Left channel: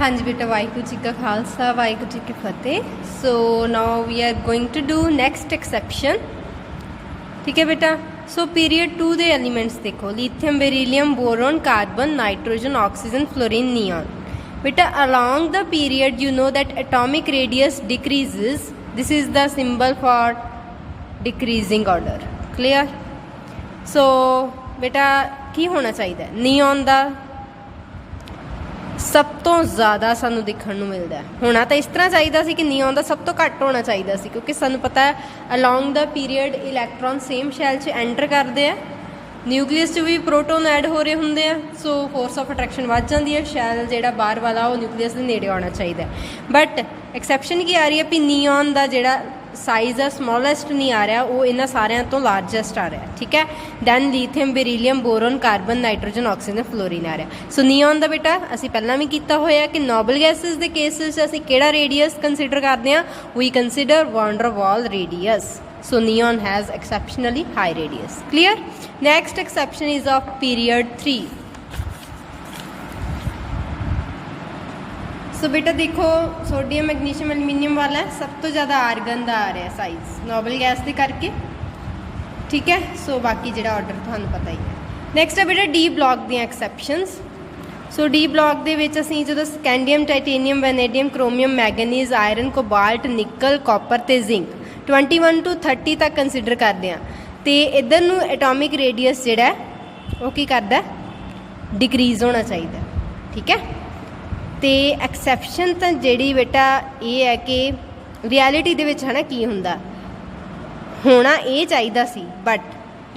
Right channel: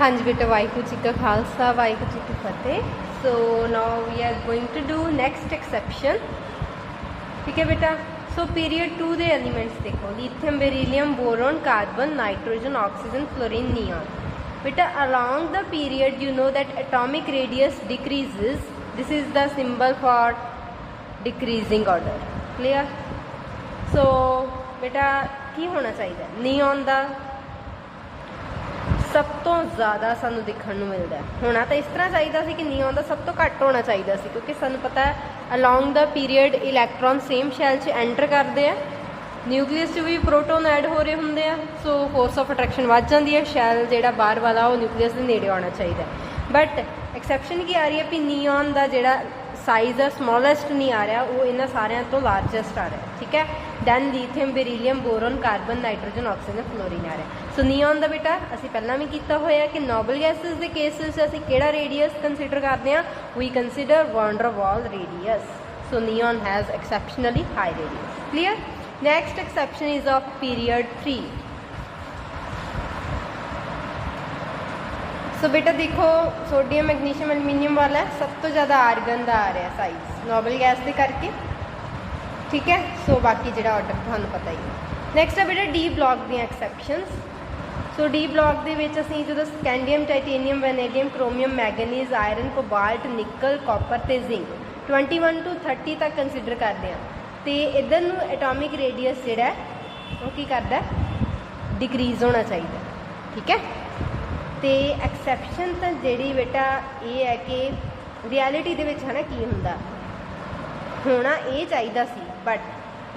हाँ जी बेटा, वाहिगुरू जी का खालसा वाहिगुरू जी की फतेह। So now we are going to do next exception. ठीक है बेटा। सो पीरियड 2 दे एलिमेंट्स देखो, lithium, beryllium, boron, carbon, nitrogen, oxygen, fluorine, neon. बेटा along the period you know that atomic radius decreases. This is the symbol for decreasing order. Clear? So बेटा की होना चाहिए, नियॉन का सब तो ज़्यादा सानू दिखण नूं मिलदा है। होना तो इस तरह चाहिए सी कि नियॉन का सब तो घट होना चाहिए सी, क्योंकि सानू पता है along the period electron same shall च एंटर करते हैं, न्यूक्लियस च भी प्रोटोन ऐड हो रहे होंगे हैं, सो फोर्स ऑफ अट्रैक्शन बढ़ जाती है, शैल जो बाहर वाला वो न्यूक्लियस के नेड़े आना चाहिए। बट एक्सैप्शन की आ रही है भी नियॉन का जोड़ा साइज़ है स्मॉलेस्ट नहीं आ रहा, वो इन्होंने सारिया तो लार्जेस्ट आ रहा है। ठीक है। Then lithium, beryllium, boron, carbon, nitrogen, oxygen, fluorine आ रहा। सो नियॉन का बेटा असी पहला भी किया होया कि नोबल गैसेस के केसिस असी केड़ा रेडियस कंसीडर करते हैं, we consider van der Waals radius. So neon has exceptionally high radius. Clear. Next exception is of period 3। So बेटा देखो, सोडियम, मैग्नीशियम, एलुमीनियम वाला सब तो ज़्यादा आर्गन का आ रहा है साइज़ नोबल गैस के करके। ठीक है। सो बाकी जो ऑर्डर थानू पता ही है। नैक्सट है बेटा डी ब्लॉक दी एक्सैप्शनस। सो डी ब्लॉक के असीं जो scandium, titanium, vanadium, chromium, manganese, iron, cobalt, निकल, कॉपर ते जिंक 21 to 30 तक कंसीडर करते हैं, तो इधर नूं एटॉमिक रेडियस जिहड़ा वो की करदा डिक्रीज़ होना चाहिए। ठीक है। तो एक्सैप्शन तो जी बेटा ये है कि रियलिटी दे विच है ना की हुंदा होना ये चाहिए सी, बट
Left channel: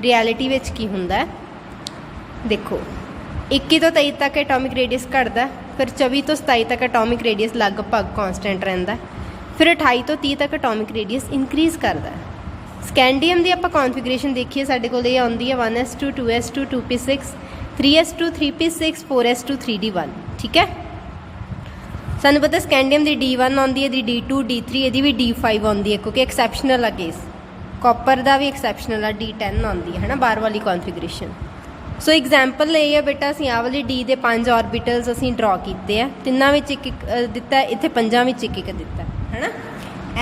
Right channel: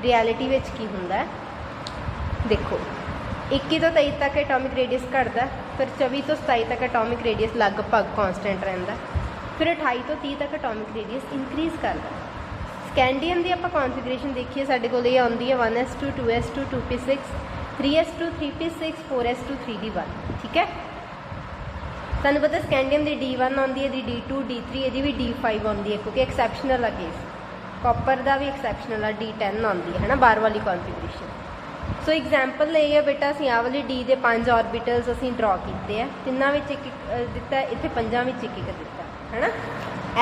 रियलिटी विच की हुंदा है देखो 21 तो 23 तक एटॉमिक रेडियस घटदा, फिर 24 तो 27 तक एटॉमिक रेडियस लगभग कॉन्सटेंट रहिंदा, फिर 28 तो 30 तक एटॉमिक रेडियस इनक्रीज़ करता है। स्कैंडियम की आप कॉन्फिगरेशन देखिए, साडे कोल ये आउंदी है 1s2 2s2 2p6 3s2 3p6 4s2 3d1। ठीक है। सानू पता स्कैंडियम की D1 आती है, D2 D3 ये भी D5 आती है, क्योंकि एक्सैप्शनल है केस। कॉपर का भी एक्सैप्शनल है, D10 आती है ना बार वाली कॉन्फिगरेशन। सो एग्जाम्पल ये है बेटा, असीं आ वाली D के 5 ऑर्बिटल्स असीं ड्रॉ किए हैं, तिन्ना विच एक दिता, इत्थे 5 विच एक दिता है ना।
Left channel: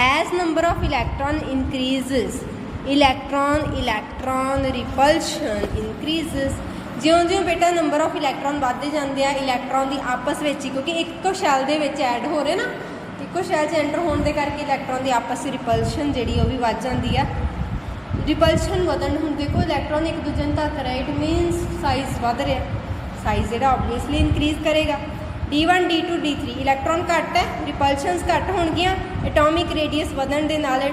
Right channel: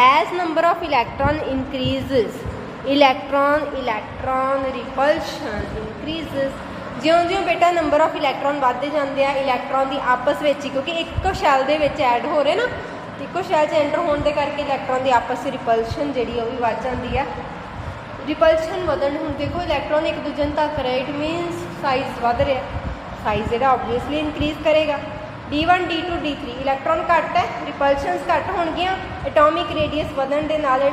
As number of electron increases, electron repulsion increases. ज्यों ज्यों बेटा नंबर ऑफ इलैक्ट्रॉन बढ़ते जाते हैं, इलैक्ट्रॉन की आपस में ही, क्योंकि एक शैल के ऐड हो रहे ना, एक शैल च एंटर होने के करके इलैक्ट्रॉन की आपस में रिपल्शन जी वो भी बढ़ जाती है। रिपल्शन बदन हम देखो इलैक्ट्रॉन एक दूजे में धक रहा है, इट मीनस साइज़ बढ़ रहा, साइज़ जो ऑबवियसली इनक्रीज़ करेगा। D1 D2 D3 इलैक्ट्रॉन घट है, रिपल्शनस घट होणगियां, एटॉमिक रेडियस बढ़न दे नाल,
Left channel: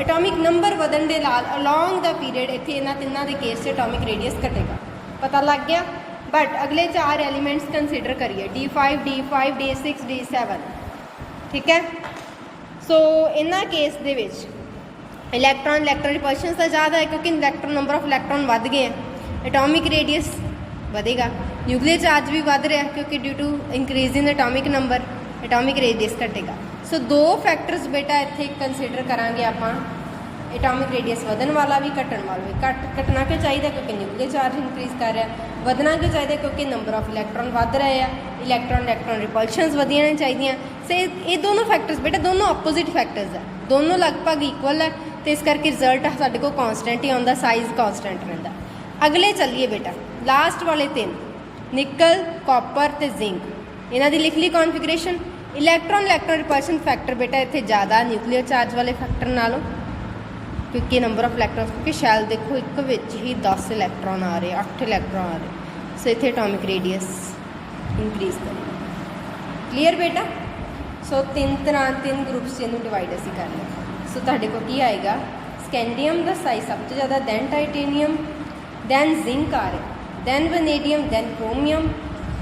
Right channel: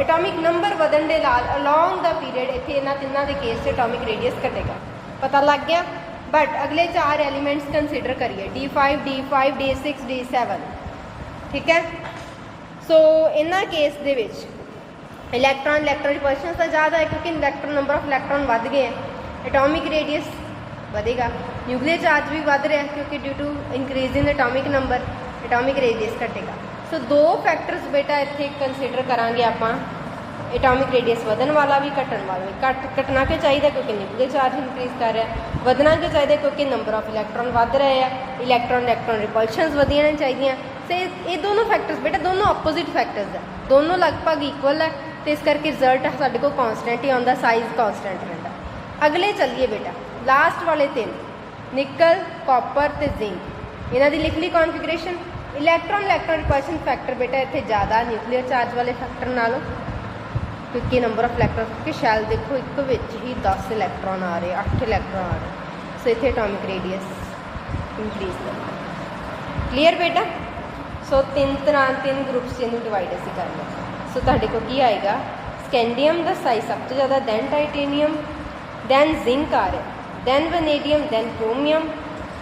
एटॉमिक नंबर बढ़न दे नाल अलॉन्ग द पीरियड इत्थे इन्हां तिन्हां दे केस से एटॉमिक रेडियस घटेगा, पता लग गया। बट अगले 4 एलीमेंट्स कंसीडर करिए, D5 D5 D6 D7। ठीक है। सो इन्हां केस दे विच इलैक्ट्रॉन रिपल्शन तो ज़्यादा है, क्योंकि इलैक्ट्रॉन नंबर ऑफ इलैक्ट्रॉन बढ़ गए हैं, एटॉमिक रेडियस बढ़ेगा, न्यूक्लियर चार्ज भी बढ़ रहा है, क्योंकि due to increase in atomic number atomic radius घटेगा। सो 2 फैक्टर्स बेटा इत्थे कंसीडर करांगे आपां, एटॉमिक रेडियस वधन वाला भी घटन वाला भी। घटना क्यों चाहिए, क्योंकि न्यूक्लियर चार्ज इंक्रीज़ कर रहा है। वधना क्यों चाहिए, क्योंकि नंबर ऑफ इलैक्ट्रॉन बढ़ रहे हैं, इलैक्ट्रॉन रिपल्शनस वधिया चाहिए। सो ये दोनों फैक्टर्स बेटा दोनों अपोजिट फैक्टर्स है, दोनों लगभग इक्वल है, तो इस करके रिजल्ट साढ़े को कॉन्सटेंट ही आता, साइज़ कॉन्सटेंट रहता। अगले चलिए बेटा लास्ट वाले 3, निकल, कॉपर तो जिंक, इन्हों की लिख ली कॉन्फिगरेशन। इलैक्ट्रॉन रिपल्शन फैक्टर बेटा इतने ज़्यादा न्यूक्लियर चार्ज वाले फैक्टर नालों, क्योंकि नंबर ऑफ इलैक्ट्रॉन, क्योंकि शैल देखो एक विच ही 10 इलैक्ट्रॉन आ रहे, 8 इलैक्ट्रॉन आ रहे, सो इतने एटॉमिक रेडियस इंक्रीज़ करें। क्लीयर बेटा। सो 3 ग्रुप्स जिन्होंने डिवाइड असी कर लें। सो तुहाडे कोल की आएगा, स्कैंडियम का साइज सब तो ज़्यादा, दैन टाइटेनियम, दैन जिंक आ रहा, then vanadium, then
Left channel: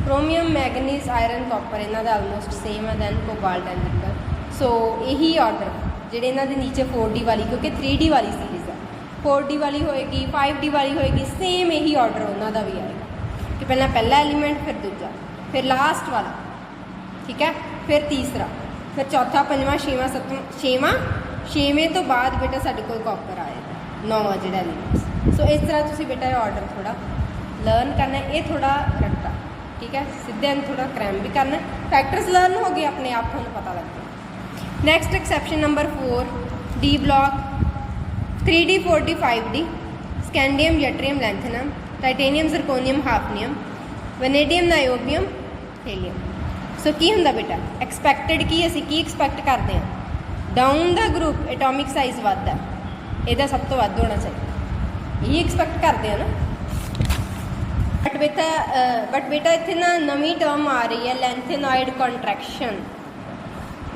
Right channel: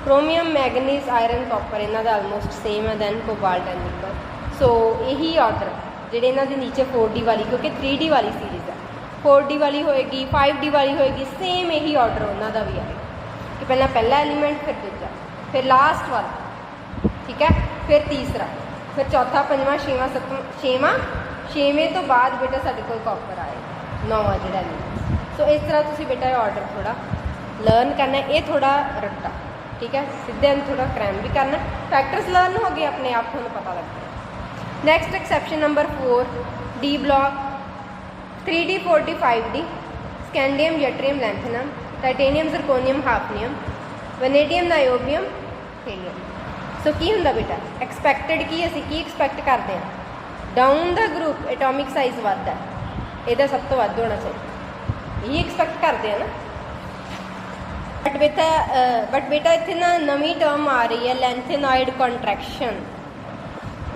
chromium, manganese, iron, copper, इन्हों का आलमोस्ट सेम है, then cobalt and nickel. So यही ऑर्डर ਜਿਹੜੇ ਇਹਨਾਂ ਦੇ नीचे 4D वाली, क्योंकि 3D वाली सीरीज़ है, 4D वाली होएगी, 5D वाली होएगी, सेम यही ऑर्डर उन्होंने भी आएगा। तो पहला एलीमेंट, फिर दूजा, फिर लास्ट वाला। ठीक है। फिर तीसरा, फिर चौथा, 5वां 6वां 7वां 6वें तो बाद बेटा साढ़े कोल कॉपर आएगा, 9वां जो एलीमेंट्स। सो इस तरह तुम बेटा ऑर्डर थोड़ा लर्न करना है, ये थोड़ा रट्टा ठीक है, सीधे थोड़ा क्रैम भी करने, फैक्टर्स लर्न हो गए अपने आप थोड़ा पता लग गया। Next exception number 4, D block 3D 4D 5D scandium yttrium lanthanum titanium zirconium hafnium vanadium niobium helium. So की हुंदा बेटा एक्सपैक्टेड की असीं की एक्सपैक्ट करते हैं, down the group atomic size वधदा है, ਇਹਦਾ सब तो ਵੱਧ होना चाहिए, यही एक्सपैक्ट करते हैं ना। बट बेटा इत्थे ना नवीं टर्म आ रही है लैंथेनॉइड कॉन्ट्रैक्शन।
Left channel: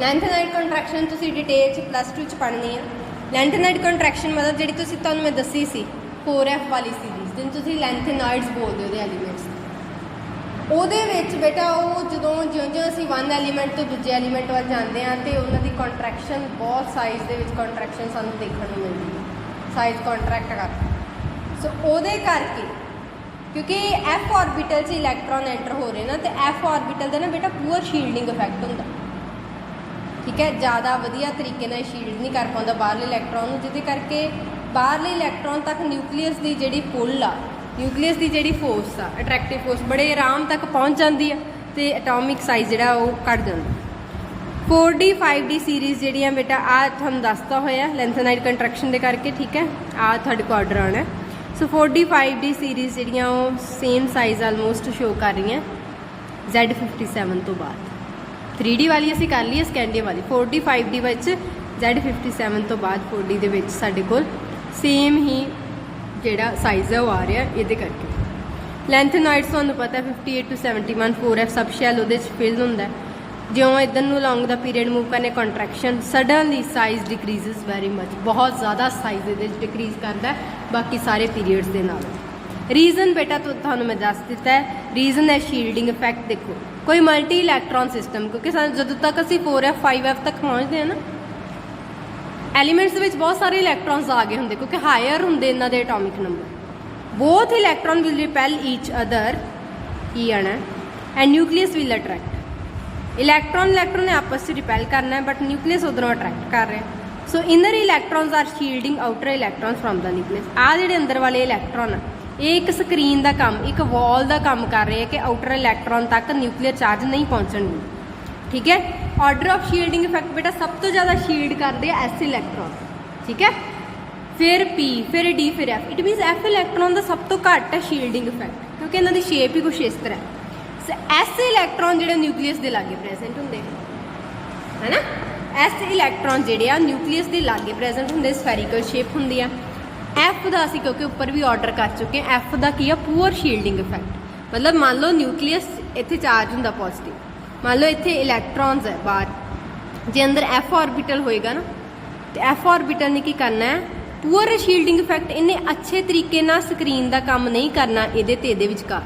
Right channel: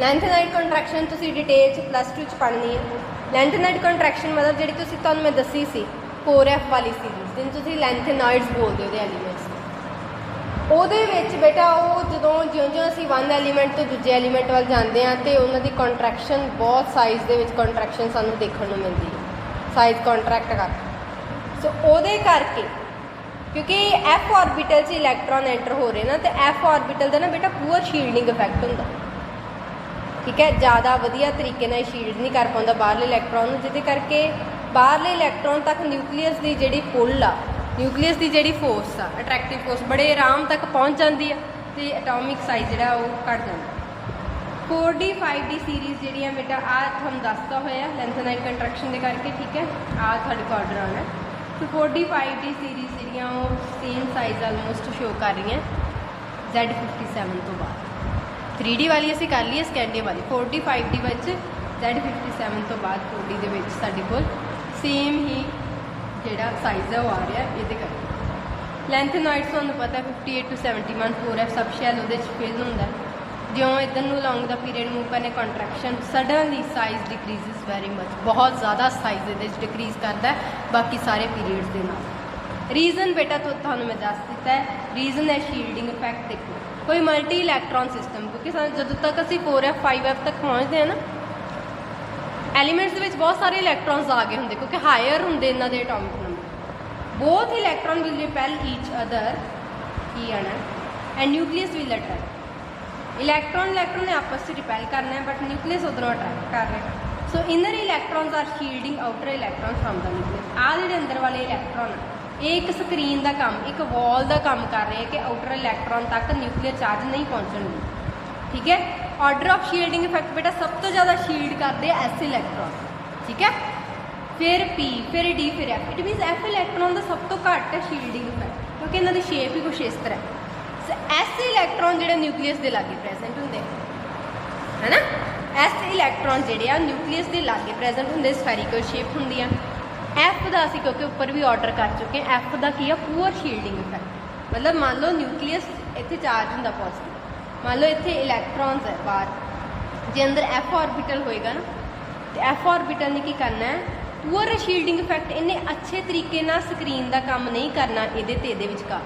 लैंथेनॉइड कॉन्ट्रैक्शन तुसीं डिटेल च +2 च पढ़नी है। लैंथेनॉइड कॉन्ट्रैक्शन मतलब जिहड़ी तुसीं तुहानूं मैं दसी सी 4F वाली सीरीज़ जिन्हें तुसीं लैंथेनॉइड्स बोलदे हो एलीमेंट्स, ਉਹਦੇ ਵਿੱਚ बेटा ਉਹ ਜਦੋਂ ਜਿਉਂ-ਜਿਉਂ ਅਸੀਂ वन एलीमेंट ਤੋਂ ਦੂਜੇ एलीमेंट ਵੱਲ ਜਾਂਦੇ ਹਾਂ ਤੇ ਉਹਨਾਂ ਦੀ ਕੰਟਰੈਕਸ਼ਨ ਬਹੁਤ ਸਾਈਜ਼ ਦੇ ਵਿੱਚ ਕੰਟਰੈਕਸ਼ਨ ਸਾਨੂੰ ਦੇਖਣ ਨੂੰ ਮਿਲਦੀ ਹੈ, ਸਾਈਜ਼ ਕੰਟਰੈਕਟ ਕਰਦਾ। ਸੋ ਉਹਦੇ ਕਰਕੇ ਕਿਉਂਕਿ ਐਫ ਆਰਬਿਟਲ 'ਚ ਇਲੈਕਟ੍ਰੋਨ ਐਂਟਰ ਹੋ ਰਹੇ ਨਾ ਤੇ ਐਫ ਆਰਬਿਟਲ ਦਾ ਨਾ ਬੇਟਾ ਪੂਅਰ ਸ਼ੀਲਡਿੰਗ ਇਫੈਕਟ ਹੁੰਦਾ, ਠੀਕ ਹੈ, ਜ਼ਿਆਦਾ ਵਧੀਆ ਤਰੀਕੇ ਨਾਲ ਸ਼ੀਲਡ ਨਹੀਂ ਕਰ ਪਾਉਂਦਾ ਬਾਹਰਲੇ ਇਲੈਕਟ੍ਰੋਨ ਨੂੰ, ਜਿਹਦੇ ਕਰਕੇ ਬਾਹਰਲੇ ਇਲੈਕਟ੍ਰੋਨ ਤੱਕ ਨਿਊਕਲੀਅਸ ਦੀ ਜਿਹੜੀ ਪੁੱਲ ਆ, ਨਿਊਕਲੀਅਸ ਦੀ ਜਿਹੜੀ ਫੋਰਸ ਆ ਅਟਰੈਕਟਿਵ ਫੋਰਸ ਬੜੇ ਆਰਾਮ ਤੱਕ ਪਹੁੰਚ ਜਾਂਦੀ ਆ ਤੇ ਐਟੋਮਿਕ ਸਾਈਜ਼ ਜਿਹੜਾ ਉਹ ਘਟ ਜਾਂਦਾ। 4D 5D ਸੀਰੀਜ਼ ਜਿਹੜੀਆਂ ਬੇਟਾ ਆ ਤੁਹਾਨੂੰ ਦੱਸਦਾ ਹੋਇਆ ਲੈਂਥੇਨਾਈਡ ਕੰਟਰੈਕਸ਼ਨ ਦੇ ਕਰਕੇ, ਠੀਕ ਹੈ, ਆ ਤੁਹਾਡੇ ਕੋਲ ਆਰਡਰ ਆਉਣਾ। ਸੋ 4D 5D ਸੀਰੀਜ਼ ਜਿਹੜੀਆਂ ਉਹ ਸੇਮ ਸਾਈਜ਼ ਆਲਮੋਸਟ ਸ਼ੋ ਕਰ ਰਹੀਆਂ Z57 ਤੋਂ ਬਾਅਦ। 3D ਵਾਲੀ ਅਸੀਂ ਕਰ ਲਈ, ਸਕੈਂਡੀਅਮ ਵਾਲੀ 4D 5D ਵਿੱਚ Z57 ਤੋਂ ਬਾਅਦ 4D ਦੇ ਵਿੱਚ ਸਾਡੇ ਕੋਲ ਸੇਮ ਹੀ ਜਿਹੜਾ ਸਾਈਜ਼ ਹੈ ਉਹ ਆ ਰਿਹਾ ਇਹਦੇ ਕਰਕੇ। ਲੈਂਥੇਨਾਈਡਸ ਤੁਹਾਨੂੰ ਪਤਾ 58 to 71 4F ਸਬ ਸ਼ੈਲ ਉਹਦੇ 'ਚ ਫਿਲ ਹੁੰਦਾ। ਜਿਉਂ ਇੱਧਰ ਨੂੰ ਲੌਂਗ ਦਾ ਪੀਰੀਅਡ ਮੂਵ ਕਰਨੇ contraction suddenly size decreases very much, ਬਹੁਤ ਜ਼ਿਆਦਾ ਸਾਈਜ਼ ਇਹਦੇ 'ਚ ਡਿਕਰੀਜ਼ ਕਰਦਾ ਬਾਕੀ ਸਾਰੇ ਪੀਰੀਅਡਸ ਦੇ ਨਾਲ। ਰੀਜ਼ਨ ਬੇਟਾ ਤੁਹਾਨੂੰ ਮੈਂ ਦੱਸ ਦਿੱਤਾ ਹੈ, ਰੀਜ਼ਨ ਹੈ ਸ਼ੀਲਡਿੰਗ ਇਫੈਕਟ। ਦੇਖੋ ਕੋਈ ਮਲਟੀ ਇਲੈਕਟ੍ਰੋਨ ਸਿਸਟਮ, ਕਿਉਂਕਿ ਜਦੋਂ ਤੱਕ ਅਸੀਂ 4F 5F ਤੱਕ ਪਹੁੰਚਦੇ ਹਾਂ ਨਾ ਐਲੀਮੈਂਟਸ ਦੇ ਵਿੱਚ ਬਹੁਤ ਸਾਰੇ ਇਲੈਕਟ੍ਰੋਨਸ ਆ ਗਏ ਹੁੰਦੇ ਕਿਉਂਕਿ ਹਾਇਰ ਹੁੰਦੇ ਇਹਨਾਂ ਦੇ atomic number. Both electron will repel each other ਕੀ ਆਣਾ and nucleus will attract. Electron ਨੇ ਆਪਸ 'ਚ ਰਿਪੈਲ ਕਰਨਾ ਹੈ ਬਟ ਨਿਊਕਲੀਅਸ ਉਧਰੋਂ ਅਟਰੈਕਟ ਕਰ ਰਿਹਾ। So inner electrons are shielding outer electrons from the nucleus. ਆਹ ਜਿਹੜੇ ਅੰਦਰ ਵਾਲੇ ਇਲੈਕਟ੍ਰੋਨ ਇਹ ਇੱਕ ਸਕਰੀਨ ਦਾ ਕੰਮ, ਇੱਕ ਵਾਲ ਦਾ ਕੰਮ ਕਰ ਰਹੇ ਕਿ ਆਊਟਰ ਇਲੈਕਟ੍ਰੋਨ ਤੱਕ ਨਿਊਕਲੀਅਰ ਚਾਰਜ ਨਹੀਂ ਪਹੁੰਚਣਗੇ, ਠੀਕ ਹੈ। ਆਰਡਰ ਆਫ ਸ਼ੀਲਡਿੰਗ ਇਫੈਕਟ ਬੇਟਾ ਸਭ ਤੋਂ ਜ਼ਿਆਦਾ ਸ਼ੀਲਡ ਕਰਦੇ ਆ ਐਸ ਇਲੈਕਟ੍ਰੋਨ, ਠੀਕ ਹੈ, ਫਿਰ ਪੀ, ਫਿਰ ਡੀ, ਫਿਰ F. It means F electron ਦਾ ਸਭ ਤੋਂ ਘੱਟ ਹੈ ਸ਼ੀਲਡਿੰਗ ਇਫੈਕਟ ਕਿਉਂਕਿ ਇਹਨਾਂ ਦੀ ਸ਼ੇਪ ਹੀ ਕੁਛ ਇਸ ਤਰ੍ਹਾਂ। ਐਸ ਇਲੈਕਟ੍ਰੋਨ ਜਿਹੜੇ ਨਿਊਕਲੀਅਸ ਦੇ ਲਾਗੇ ਪ੍ਰੈਜ਼ੈਂਟ ਹੁੰਦੇ ਹੈ ਨਾ, ਐਸ ਇਲੈਕਟ੍ਰੋਨ ਜਿਹੜੇ ਆ ਨਿਊਕਲੀਅਸ ਦੇ ਲਾਗੇ ਪ੍ਰੈਜ਼ੈਂਟ ਹੁੰਦੇ, ਸਫੈਰੀਕਲ ਸ਼ੇਪ ਹੁੰਦੀ ਆ। ਐਫ ਦਾ ਅਸੀਂ ਕਿਉਂਕਿ ਉੱਪਰ ਵੀ ਆਰਡਰ ਕਰ ਚੁੱਕੇ ਹਾਂ, ਐਫ ਦਾ ਕੀ ਆ ਪੂਅਰ ਸ਼ੀਲਡਿੰਗ ਇਫੈਕਟ। ਮਤਲਬ ਮੰਨ ਲਓ ਨਿਊਕਲੀਅਸ ਇੱਥੇ ਚਾਰਜ ਹੁੰਦਾ ਪੋਜ਼ਿਟਿਵ, ਮੰਨ ਲਓ ਇੱਥੇ ਇਲੈਕਟ੍ਰੋਨਸ ਹੈ ਬਾਹਰ, ਜੇ ਅੰਦਰ ਐਫ ਆਰਬਿਟਲ ਹੋਏਗਾ ਨਾ ਤੇ ਐਫ ਆਰਬਿਟਲ ਨੇ ਕੀ ਕਰਨਾ ਹੈ ਪੂਅਰ ਸ਼ੀਲਡਿੰਗ ਇਫੈਕਟ, ਇਹਨੇ ਅੱਛੇ ਤਰੀਕੇ ਨਾਲ ਸਕਰੀਨ ਦਾ ਕੰਮ ਨਹੀਂ ਕਰਨਾ ਇਹਦੇ ਤੇ ਇਹਦੇ ਵਿਚਕਾਰ,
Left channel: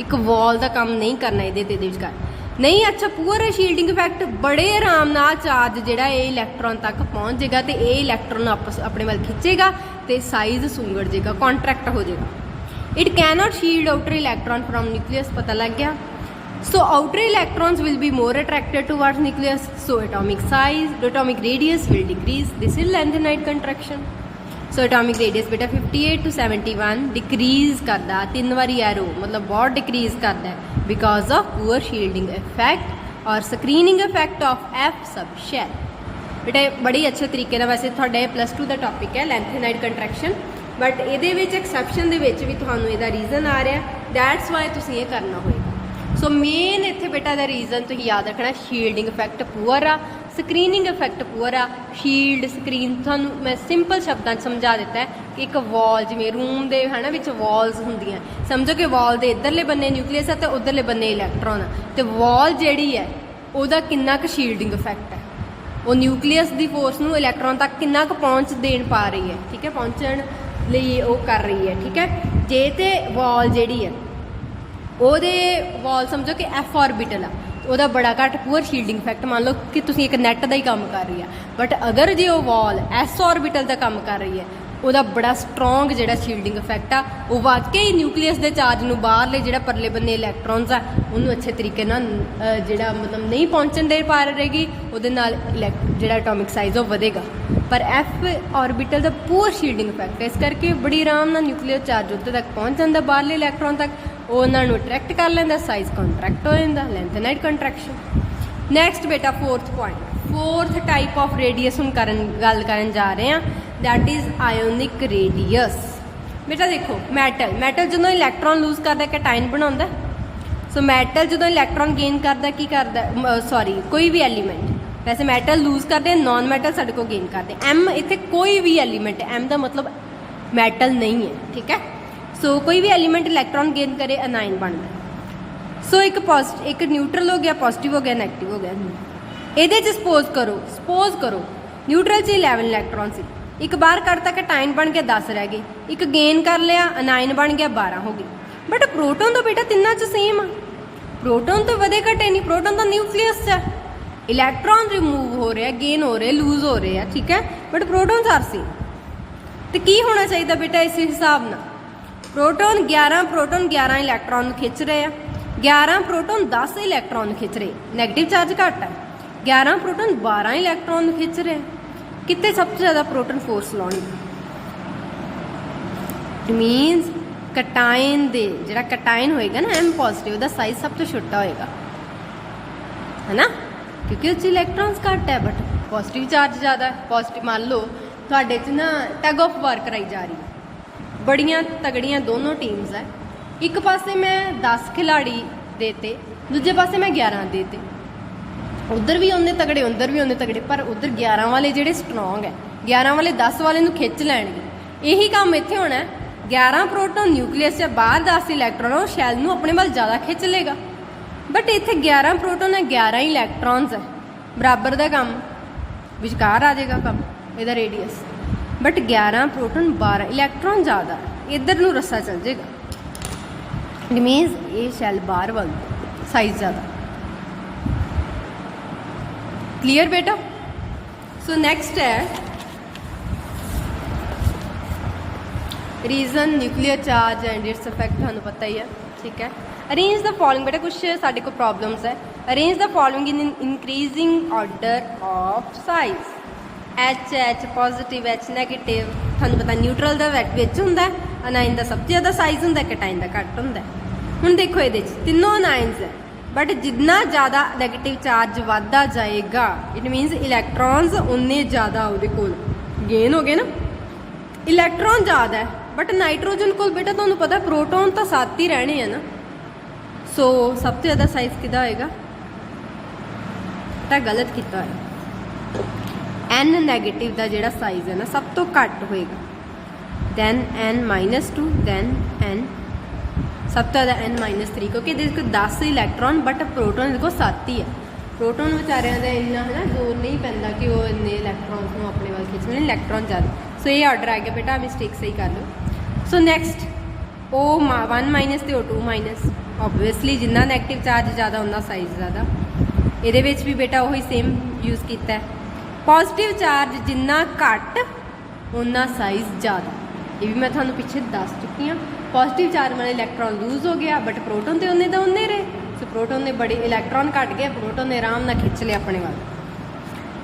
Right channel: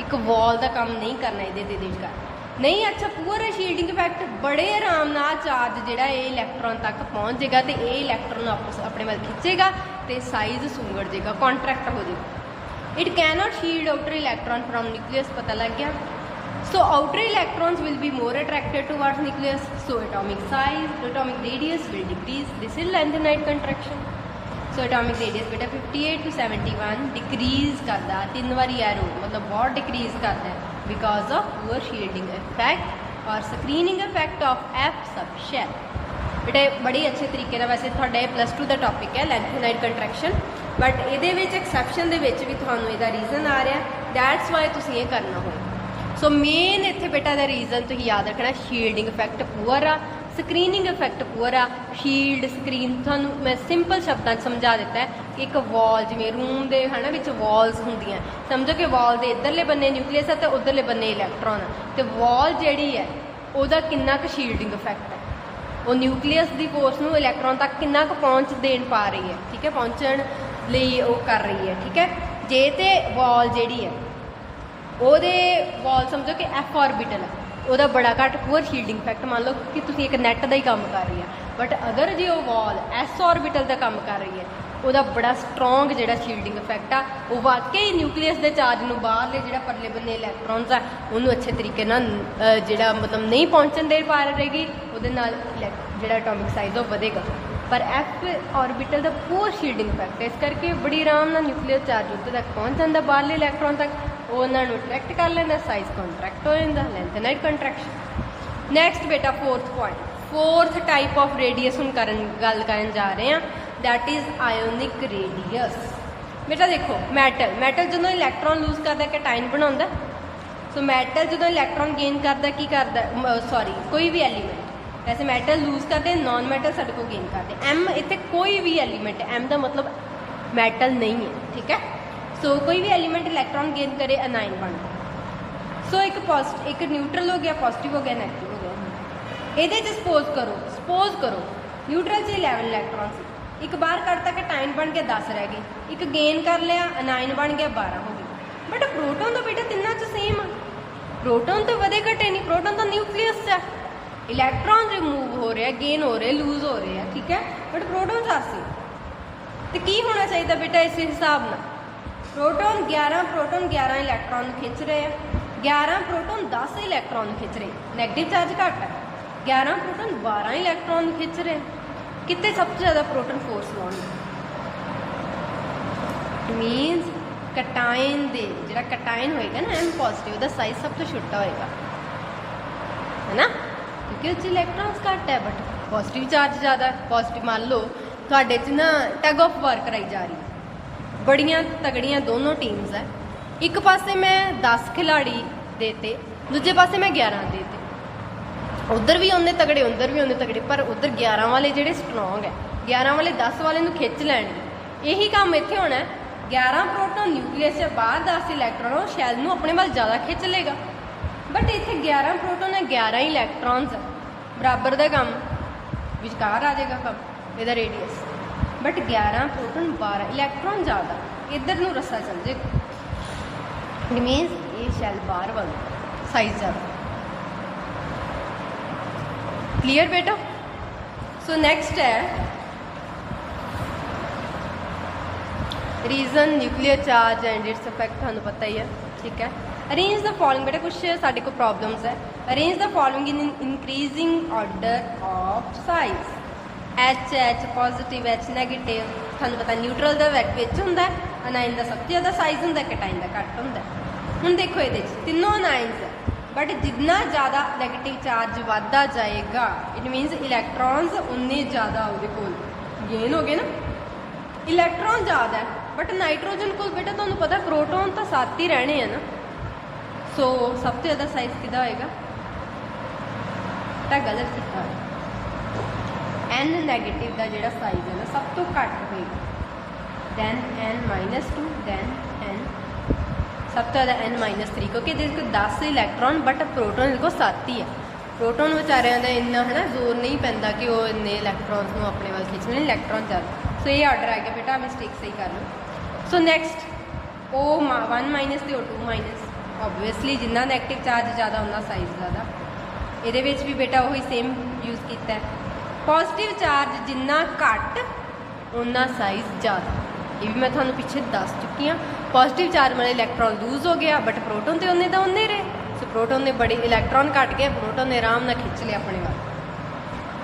ਇੱਕ ਵਾਲ ਦਾ ਕੰਮ ਨਹੀਂ ਕਰਨਾ ਇਹਦੇ ਤੇ ਇਹਦੇ ਵਿਚਕਾਰ ਨਹੀਂ। ਅੱਛਾ ਪੂਅਰ ਸ਼ੀਲਡਿੰਗ ਇਫੈਕਟ ਬੜੇ ਆਰਾਮ ਨਾਲ ਚਾਰਜ ਜਿਹੜਾ ਇਹ ਇਲੈਕਟ੍ਰੋਨ ਤੱਕ ਪਹੁੰਚ ਜਾਏਗਾ ਤੇ ਇਹ ਇਲੈਕਟ੍ਰੋਨ ਆਪਸ ਆਪਣੇ ਵੱਲ ਖਿੱਚੇਗਾ ਤੇ ਸਾਈਜ਼ ਸੁੰਗੜ ਜਾਏਗਾ, ਕੰਟਰੈਕਟ ਹੋ ਜਾਏਗਾ। It can not shield outer electron from nucleus, ਪਤਾ ਲੱਗ ਗਿਆ। So outer electrons will be more attracted towards nucleus, so atomic size, atomic radius will decrease. This is lanthanide contraction. So atomic radius बेटा 58 to 71 decrease करदा, 3 बारी arrow मतलब बहुत decrease करदा because of poor shielding effect और screening effect of F sub shell। बेटा बड़ी अच्छे तरीके ਨਾਲ वैसे ਤੁਹਾਡਾ +2 ਦਾ ਟੌਪਿਕ ਹੈ lanthanide contraction, बट ਇਹਦੇ ਵਿੱਚ ਐਕਸੈਪਸ਼ਨ ਦੇ ਵਿੱਚ ਵੀ ਤੁਹਾਨੂੰ ਇਹਦਾ ਰੀਜ਼ਨ ਆ ਰਿਹਾ, ਦੈਟਸ ਵਾਈ ਤੁਸੀਂ ਇਹ ਕਰਨਾ ਹੋਊਗਾ। ਸੋ ਮੇਨ ਇੱਥੇ ਬੇਟਾ ਦਾ ਰੀਜ਼ਨ ਤੁਸੀਂ ਯਾਦ ਰੱਖਣਾ ਸ਼ੀਲਡਿੰਗ ਇਫੈਕਟ ਪੂਅਰ ਆ, ਸਕਰੀਨਿੰਗ ਇਫੈਕਟ ਪੂਅਰ ਆ। ਸ਼ੀਲਡ ਸਕਰੀਨ ਤੁਹਾਨੂੰ ਮੈਂ ਸਿੰਪਲ ਸ਼ਬਦਾਂ 'ਚ ਸਮਝਾ ਦਿੱਤਾ ਹੈ ਕਿ ਇੱਕ ਵਾਲ ਜਿਵੇਂ ਰੂਮ ਦੇ ਹੈ ਨਾ ਵਿੱਚ ਵਾਲਸ ਹੁੰਦੀਆਂ, ਸਮਝੋ ਕਿ ਵਾਲ ਦੇ ਇੱਧਰਲੇ ਬੰਨੇ ਨਿਊਕਲੀਅਸ ਆ ਤੇ ਉੱਧਰਲੇ ਬੰਨੇ ਇਲੈਕਟ੍ਰੋਨ ਆ, ਤੇ ਵਾਲ ਜਿਹੜੀ ਹੈ ਉਹਦਾ ਕਿੰਨਾ ਕੁ ਸ਼ੀਲਡਿੰਗ ਇਫੈਕਟ ਹੈ, ਉਹ ਨਿਊਕਲੀਅਸ ਦੀ ਫੋਰਸ ਨੂੰ ਇਲੈਕਟ੍ਰੋਨ ਤੱਕ ਕਿੰਨਾ ਕੁ ਪਹੁੰਚ ਦੇਣ ਪਾ ਰਹੀ ਹੈ, ਠੀਕ ਹੈ, ਪਹੁੰਚਣ ਲਈ ਉਹ ਕਰ ਰਹੀ ਹੈ, ਠੀਕ ਹੈ। ਜੇ ਤੇ ਵਾਲ ਜਿਹੜੀ ਹੈ ਉਹਦੇ ਵਾਲ ਸਮਝੋ ਕਿ ਐਫ ਆਰਬਿਟਲ ਆ, ਉਹਦਾ ਬੜਾ ਘੱਟ ਪੂਅਰ ਸ਼ੀਲਡਿੰਗ ਇਫੈਕਟ, ਮੰਨ ਲਓ ਕਿ ਤੁਸੀਂ ਇੱਕ ਨੈਟ ਦਾ ਹੀ ਕੰਮ ਕਰ ਰਹੀ ਆ, ਬਟ ਅਗਰ ਜੇ ਉਹ ਵਾਲ ਐਸ ਆਰਬਿਟਲ ਦਾ ਕੰਮ ਕਰ ਰਹੀ ਹੈ ਉਹਦਾ ਬੜਾ ਸਟਰੋਂਗ ਜਿਹੜਾ ਸ਼ੀਲਡਿੰਗ ਇਫੈਕਟ ਆ ਉਹ ਵਾਕਈ ਨਿਊਕਲੀਅਸ ਦੇ ਚਾਰਜ ਨੂੰ ਬਾਹਰਲੇ ਜਿਹੜਾ ਪਰਲੇ ਬੰਨੇ ਇਲੈਕਟ੍ਰੋਨਸ ਆ ਉਹਨੂੰ ਅੱਛੇ ਤਰੀਕੇ ਨਾਲ ਜਿਹੜਾ ਮਤਲਬ ਨਹੀਂ ਪਹੁੰਚਣ ਦੇ ਪਾ ਰਹੇਗੀ, ਉਹਦੇ ਨਾਲ ਜਿਹੜਾ ਐਟੋਮਿਕ ਸਾਈਜ਼ ਉਹ ਵਧੇਗਾ। ਪਰ ਐਫ ਆਰਬਿਟਲ ਦਾ ਪੂਰ ਸ਼ੀਲਡਿੰਗ ਇਫੈਕਟ ਹੈ, ਇਸ ਕਰਕੇ ਬੜੀ ਆਰਾਮ ਨਾਲ ਨਿਊਕਲੀਅਰ ਚਾਰਜ ਉੱਤੇ ਤੱਕ ਪਹੁੰਚ ਜਾਂਦਾ ਬਾਹਰਲੇ ਇਲੈਕਟ੍ਰੋਨ ਤੱਕ, ਉਹ ਉਹਨਾਂ ਨੂੰ ਅਟਰੈਕਟ ਕਰ ਲੈਂਦਾ, ਸਾਈਜ਼ ਕੰਟਰੈਕਟ ਹੋ ਜਾਂਦਾ, ਲੈਂਥਨਾਈਟ ਕੰਟਰੈਕਸ਼ਨ। ਨੈਕਸਟ ਬੇਟਾ fourth point, fourth type of radius हम गल करन जा रहे हैं, दैट इज़ आयोनिक रेडियस। बेटा देखो मैटल जो इलैक्ट्रॉन लूज करता कैटाइन बनाता, सो मैटल जो इलैक्ट्रॉन गेन करता की करता, सॉरी कोई भी एलीमेंट, वैसे मैटल लूज करते हैं, नॉन मैटल साढ़े को गेन करते। एम इतने कोई भी एलीमेंट, एम का मतलब मैटल नहीं है, ठीक है। सो कोई भी एलीमेंट इलैक्ट्रॉन गेन करे अनाइन बन गया। सो एक न्यूट्रल हो गया, पॉजिटिव हो गया, नैगेटिव हो गया। ਇਹਦੇ 'ਚ ਸਪੋਜ਼ ਕਰੋ ਨਿਊਟਰਲ 'ਚ 11 ਇਲੈਕਟ੍ਰੋਨ ਸੀ, ਇੱਕ ਬਾਹਰ ਕੱਢਤਾ ਕਟਾਇਨ ਬਣ ਕੇ 10 ਰਹਿ ਗਏ, ਇੱਕ ਗੇਨ ਕਰ ਲਿਆ ਅਨਾਇਨ ਬਣ ਗਿਆ 12 ਹੋ ਗਏ। ਬਟ ਪ੍ਰੋਟੋਨ ਤਾਂ ਬੇਟਾ ਤਿੰਨਾਂ 'ਚ ਸੇਮ ਆ, ਪ੍ਰੋਟੋਨ ਤਾਂ ਵਧੇ ਘਟੇ ਨਹੀਂ, ਪ੍ਰੋਟੋਨ ਤਾਂ ਨਿਊਕਲੀਅਸ 'ਚ ਹੈ, ਇਲੈਕਟ੍ਰੋਨ ਰਿਮੂਵ ਹੋ ਰਿਹਾ, ਗੇਨ ਹੋ ਰਿਹਾ, ਲੂਜ਼ ਹੋ ਰਿਹਾ, ਠੀਕ ਹੈ, ਬਟ ਪ੍ਰੋਟੋਨ ਆਰ ਸੇਮ। ਤੇ ਕੀ ਹੋਣਾ ਚਾਹੀਦਾ ਬੇਟਾ ਇਸ ਹਿਸਾਬ ਨਾਲ, ਪ੍ਰੋਟੋਨ 11 ਇਲੈਕਟ੍ਰੋਨ ਖਿੱਚ ਰਹੇ ਆ, 11 ਪ੍ਰੋਟੋਨ 10 ਇਲੈਕਟ੍ਰੋਨ ਖਿੱਚ ਰਹੇ, ਨੈਗੇਟਿਵ ਚਾਰਜ ਘੱਟ ਹੈ, 11 प्रोटॉन 12 इलैक्ट्रॉन खिंच रहे, कितने सबसे ज़्यादा प्रोटॉन फोर्स लाउंगे, मीनस कटाइन दे जो कटाइन होएगा ना एम पॉजिटिव का साइज सब तो छोटा होएगा, है ना, क्योंकि उस इलैक्ट्रॉन्स घट है बट पॉजिटिव चार्ज ज़्यादा है। पॉजिटिव मान लो थोड़े च ना टग ऑफ वार कराई जा रही है, बड़ियाँ तगड़ियाँ दोनों टीम्स है, एक पासे मैं 10 खिलाड़ी देते, दूजे पासे मैं 11 देते, उधर भी उन्ने तगड़े उधर भी उन्ने तगड़े, पर उधर 11 वाले ਜਿਹੜੇ स्ट्रोंग है, 11 वाले 10 वाले ਨੂੰ खिंच ਲੈਣਗੇ। यही काम ਇੱਥੇ ਹੋਣਾ है, 11 प्रोटॉन न्यूक्लियस से बाहर 10 इलैक्ट्रॉन ਉਹ ਸ਼ੈਲ ਨੂੰ ਆਪਣੇ ਵੱਲ ਜ਼ਿਆਦਾ ਖਿੱਚ ਲੇਗਾ, बट ਇੱਥੇ 11 प्रोटॉन है 11 इलैक्ट्रॉन्स है, बराबर ਦਾ ਕੰਮ ਵਿਚਕਾਰ ਆ ਜਾਏਗਾ ਕੰਮ ਇਹਦਾ ਰੇਡੀਅਸ, बट 11 प्रोटॉन 12 इलैक्ट्रॉन ਜ਼ਿਆਦਾ, ਇੱਧਰ ਨੂੰ ਰੱਸਾ ਚੱਲ ਜਾਏਗਾ, ਇਟ ਮੀਨਸ ਇਹ ਸ਼ੈਲ ਬਾਹਰ ਵੱਲ ਸਾਈਜ਼ ਜ਼ਿਆਦਾ। क्लियर बेटा। सो नेक्स्ट है reason nuclear charge and its effect, थानू पता ही है, ठीक है। अरेंज द फॉलोइंग, बेटा कुछ साढ़े को प्रॉब्लम्स है, arrange the following in increasing order of size, H positive, H negative, थानू पता न्यूट्रल का विच हुंदा, अनाइन का सबसे ज़्यादा साइज हुंदा, कटाइन का घट हुंदा। हुण देखो ये तीनों अनाइन्स है, बट जितना ज़्यादा नैगेटिव चार्ज बढ़ता जाएगा इट मीनस इलैक्ट्रॉन्स उन्ने ज़्यादा वो कोल गेन हो गए ना, इलैक्ट्रॉन ज़्यादा है बट नाइट्रोजन को बेटा तुहानू पता प्रोटोन तो 7 ही रहने हैं ना, सो सब तो ज़्यादा साइज किदा होएगा, तो गलत किया, एन नैगेटिव का जिहड़ा साइज है ना सब तो घट होएगा, दैन n-2, दैन n सब तो ज़्यादा n-3, क्योंकि इसको 10 इलैक्ट्रॉन बट प्रोटोन इसको 7 ही है, प्रोटोन बेचारियां का इन्ना है ना जोर नहीं पैंदा कि वो इन्ने इलैक्ट्रॉन्स को अपने वाल खिंचने, इलैक्ट्रॉन ज़्यादा। सो ये ऑर्डर आ गया बेटा, मिस्टेक सही कर लो। सो नैक्सट O1- तो O2-, ओबवियसली जिन्ना नैगेटिव चार्ज ज़्यादा उन्ना साइज ज़्यादा, ये भी बेटा वही सेम यूज़ किया है। पॉजिटिव चार्ज जिन्ना घट उन्ना साइज ज़्यादा, ये भी मैं थानू पिछे दस चुकी हाँ। पॉजिटिव चार्ज वाले इलैक्ट्रॉन लूज हो गया बट प्रोटोन तो उन्ने रहे, सो प्रोटोन ने बड़े इलैक्ट्रॉन घट गए, प्रोटोन ने आराम नाल खिंच लिया अपने वाल।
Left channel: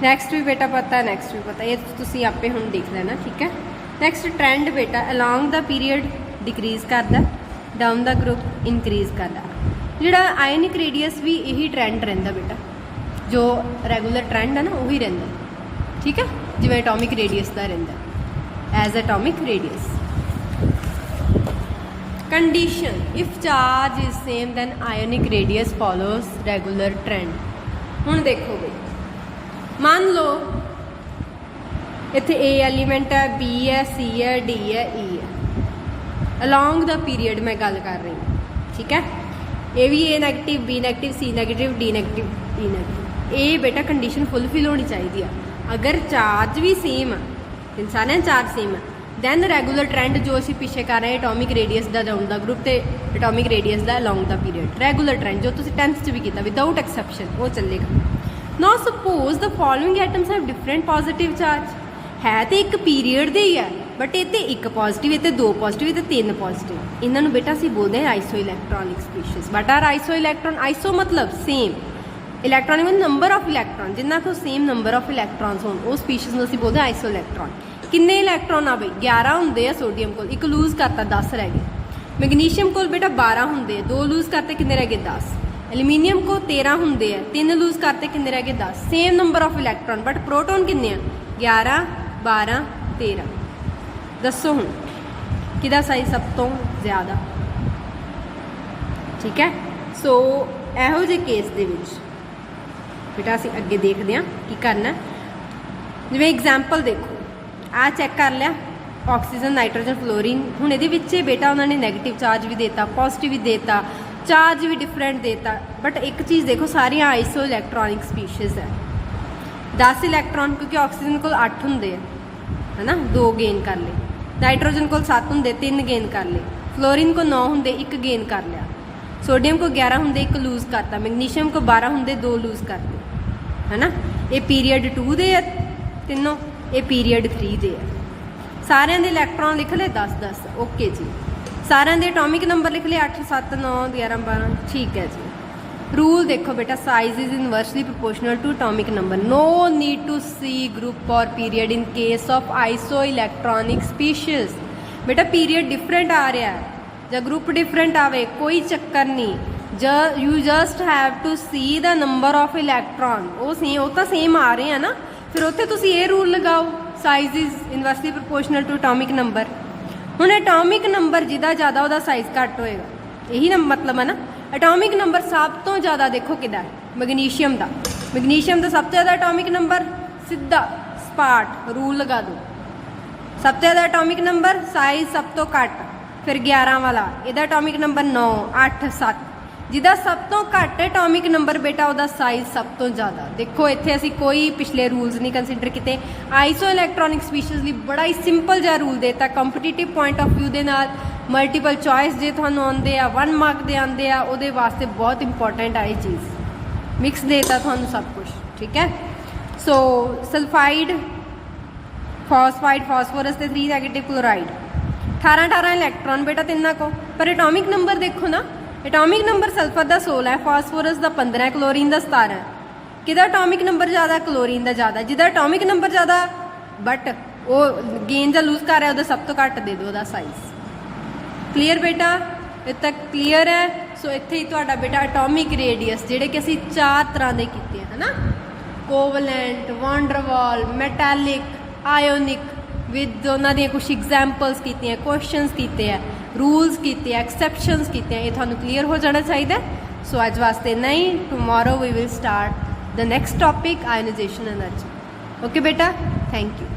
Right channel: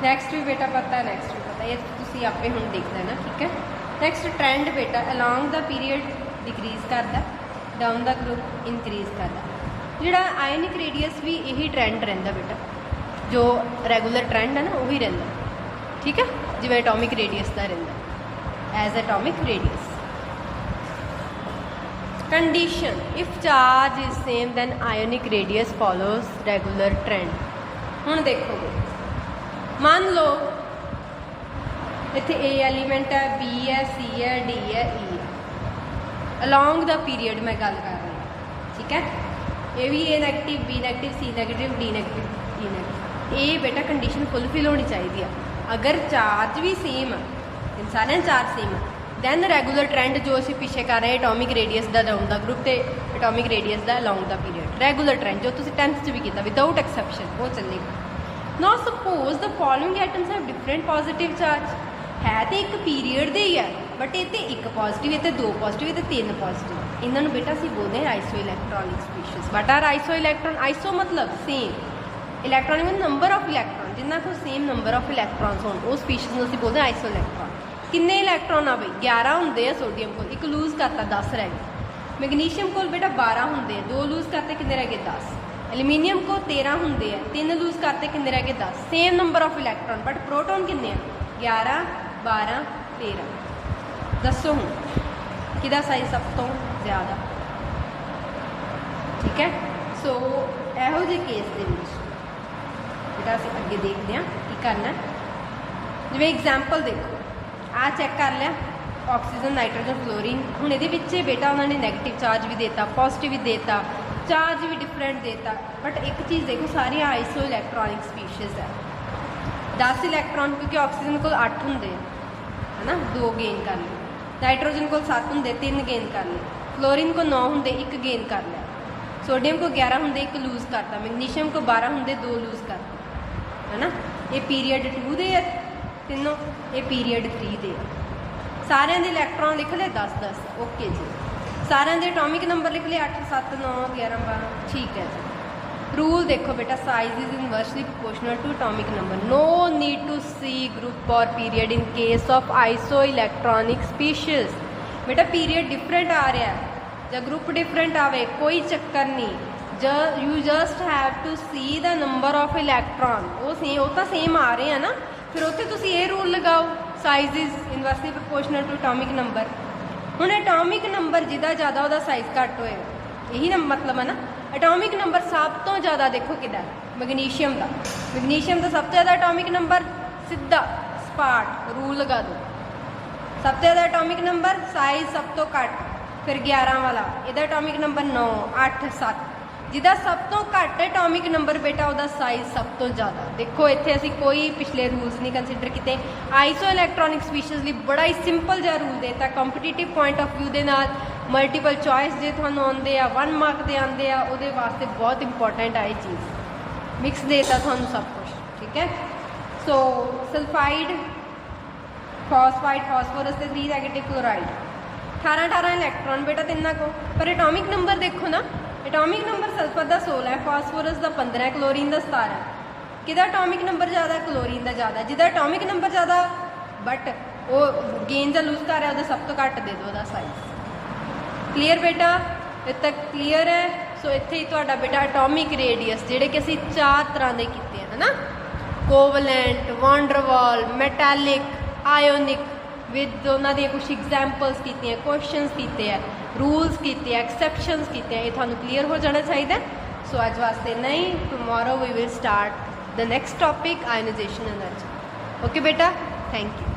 नैक्सट भी बेटा पता है, नैक्सट भी पता है, ये तुसीं आपे हुण देख लेना, ठीक है। नैक्सट ट्रेंड बेटा अलॉन्ग द पीरियड डिक्रीज करता, डाउन द ग्रुप इंक्रीज करता, जिहड़ा आयनिक रेडियस भी यही ट्रेंड रहिंदा बेटा, जो रैगूलर ट्रेंड है ना वही रहिंदा, ठीक है, जिवें एटॉमिक रेडियस का रहिंदा as atomic radius. Condition, if charge is same then ionic radius follows regular trend. हुण देखोगे मान लो इत्थे ए एलीमेंट है, बी है, सी है, डी है, ई है, अलॉन्ग द पीरियड मैं गल कर रही हूँ, ठीक है। ए भी ए नैगेटिव, बी नैगेटिव, सी नैगेटिव, डी नैगेटिव, ई नैगेटिव, ये बेटा कंडीशन फुलफिल होनी चाहिए। अगर चार्ज भी सेम है, इन सारे चार्ज सेम है, दैन रैगूलर ट्रेंड जो असीं पिछे कर रहे हैं एटॉमिक रेडियस का डाउन द ग्रुप तो एटॉमिक रेडियस का along the period, regular trend जो तुसीं 10th च भी किया विदाउट एक्सैप्शन वो चलेगा। Now suppose the following atoms have different positive charge, है तो एक पीरियड दे ही है बट इत्ते एक पॉजिटिव, इत्ते दो पॉजिटिव, इत्ते तीन पॉजिटिव। इन्होंने बेटा असीं बोलते हैं iso electronic species. But are iso electron, iso मतलब सेम, इलैक्ट्रॉनिक मतलब नंबर ऑफ इलैक्ट्रॉन, जिन्ना को सेम नंबर ऑफ इलैक्ट्रॉन्स होण उस स्पीशीज़ नूं असीं बोलते हैं आइसो इलैक्ट्रॉन। किन्ने इलैक्ट्रॉन आ बई 11 हुंदे आ सोडियम कोल, एक लूज करता 10 रह गए। मैगनीशियम कोल बेटा 12 हुंदे आ, 2 लूज करते किन्ने रह गए 10। एल्यूमीनियम को 13 हुंदे आ, 3 लूज करते किन्ने रह गए 10। Same number of electron but proton किन्ने आ 11 12 13। दसो हूँ किहदा साइज सब तो ज़्यादा। ठीक है, सो इहो ਜਿਹੇ केस दे विच बेटा असीं अगे देखते हैं की करना। जिवें एग्जाम्पल देखो आ चैक कर लिया ऑक्सीजन नाइट्रोजन फ्लोरीन। हुण इहदे विच बेटा उन्होंने नैगेटिव चार्ज भी देता, पॉजिटिव भी देता, चार्ज भी डिफरेंट देता। बट एक चीज़ देखो सारियां आइसो इलैक्ट्रॉनिक स्पीशीज़ है। 10 इलैक्ट्रॉन क्योंकि ऑक्सीजन को 8 होंगे है ना, 2 गेन कर ले। नाइट्रोजन को 7 होंगे 3 गेन कर ले। फ्लोरीन को 9 होंगे 1 गेन कर लिया। सोडियम को 11 होंगे 1 लूज करता। मैगनीशियम को 12 होंगे 2 लूज करते है ना। ये पीरीयड 2 दे तीनों, ये पीरीयड 3 दे। सारिਆਂ ਦੇ इलैक्ट्रॉन लिख ले 10 10। ओके जी, सारिਆਂ ਦੇ एटॉमिक नंबर लिख ले 8 7 9 11 12। ठीक है जी। रूल देखो बेटा, size is inversely proportional to atomic number. No need to see group और period in case of isoelectronic species. बेटा पीरियड डिफरेंट आ रहा है ਜਾਂ ग्रुप डिफरेंट आवे कोई चक्कर नहीं। You just have to see the number of electron. वो तो सेम आ रहे हैं ना, फिर उत्थे तुसी ये रूल लगाओ size is inversely proportional to atomic number. हुण एटॉमिक नंबर जिदा ज़्यादा वह साइज घट होएगा, यही ना मतलब है ना। एटॉमिक नंबर सब तो ज़्यादा देखो किदा मैगनीशियम का। मैगनीशियम का सब तो ज़्यादा एटॉमिक नंबर सीधा स्पाट रूल लगा दो। सब तो ज़्यादा एटॉमिक नंबर साइज सब तो घट, फिर 11 वाला ਇਹਦਾ एटॉमिक नंबर 9 8 7। ਜਿਹਦਾ सब तो घट एटॉमिक नंबर बेटा ਉਹਦਾ साइज सब तो ज़्यादा। देखो इत्थे असीं कोई पिछले रूल्स नहीं कंसीडर किए। आइसो इलैक्ट्रॉनिक स्पीशीज़ ਲਈ बड़ा ही सिंपल जिहा रूल देता कंपीटीटिव पॉइंट ऑफ व्यू ਦੇ ਨਾਲ। मल्टीपल चॉइस जे ਤੁਹਾਨੂੰ ਆਉਂਦੇ ਆ 1 मार्क ਦੇ ਆਉਂਦੇ ਆ ਉਹਦੇ ਵਾਸਤੇ बहुत इंपॉर्टेंट आ ये चीज़। मिक्स देता ਤੁਹਾਨੂੰ सब कुछ। ठीक है, सो सल्फाइड फॉस्फाइड फॉस्फोरस ਤੇ 3 नेगेटिव क्लोराइड 18 18 इलैक्ट्रॉन बेटा तिना को। पर एटॉमिक नंबर देखो ना, एटॉमिक नंबर सल्फर का 16 है, फॉस्फोरस का 15 है, क्लोरीन का 17 है। किदा एटॉमिक नंबर ज़्यादा, क्लोरीन का ज़्यादा। जिदा एटॉमिक नंबर ज़्यादा बट वो गेन या लूज कर रहा है सब तो घट दे दो साइज। क्लीयर बेटा, इतने तक क्लीयर है। सो इत्थे ही तुहाडा बेटा एटॉमिक रेडियस जिहड़े कि असीं 4 तरह के कीते है ना, कोवलेंट, वॉन्डरवॉल, मैटैलिक, आयोनिक, विद उन्होंने कुछ एग्जाम्पल्स की, क्वेश्चनस किए हैं, रूल्स किए, एक्सैप्शनस किए। ये थानू क्लीयर हो जाना चाहिए। सो अज वास्ते नहीं, tomorrow we will start the next topic ionization energy. Okay बेटा, थैंक यू।